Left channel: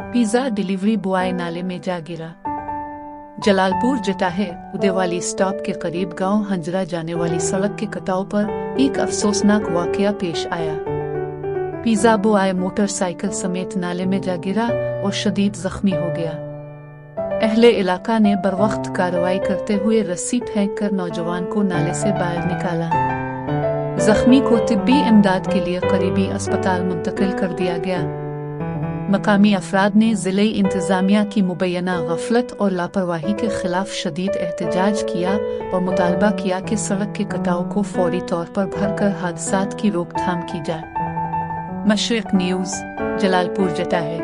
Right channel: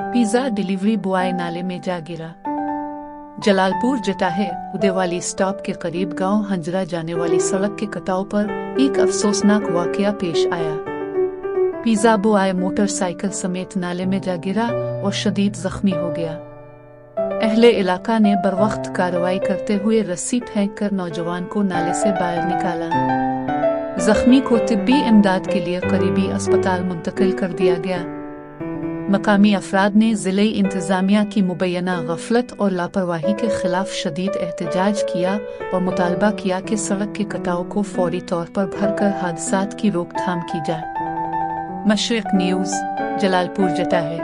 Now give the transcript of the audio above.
Pizza delivery boy नाले में जा गिरा। जलालपुर जटाहे उदेवाली स्टॉप के करीब गांव हंजरा जाने वाली सड़क के कटाव पर एक अफसोसनाक वाकया पेश आया। पिज्जा बॉय मोटरसाइकिल समेत नाले में जा गिरा और शदीद जख्मी हो गया। अहले इलाका ने बरवक्त कार्रवाई करते हुए रस्सी फेंककर नौजवान को नाले से बाहर निकाला। जख्मी को तिब्बी इमदाद के लिए करीबी अस्पताल मुंतकिल कर दिया गया। मकामी अफराद ने जिले इंतजामिया की मुबैना गफलत और लापरवाही के खिलाफ शदीद एहतजाज किया और मुतालबा किया कि सड़क के कटाव को फौरी तौर पर भरकर हादसात की रोकथाम की जाए। मशरिक न्यूज़, जलालपुर जटाहे।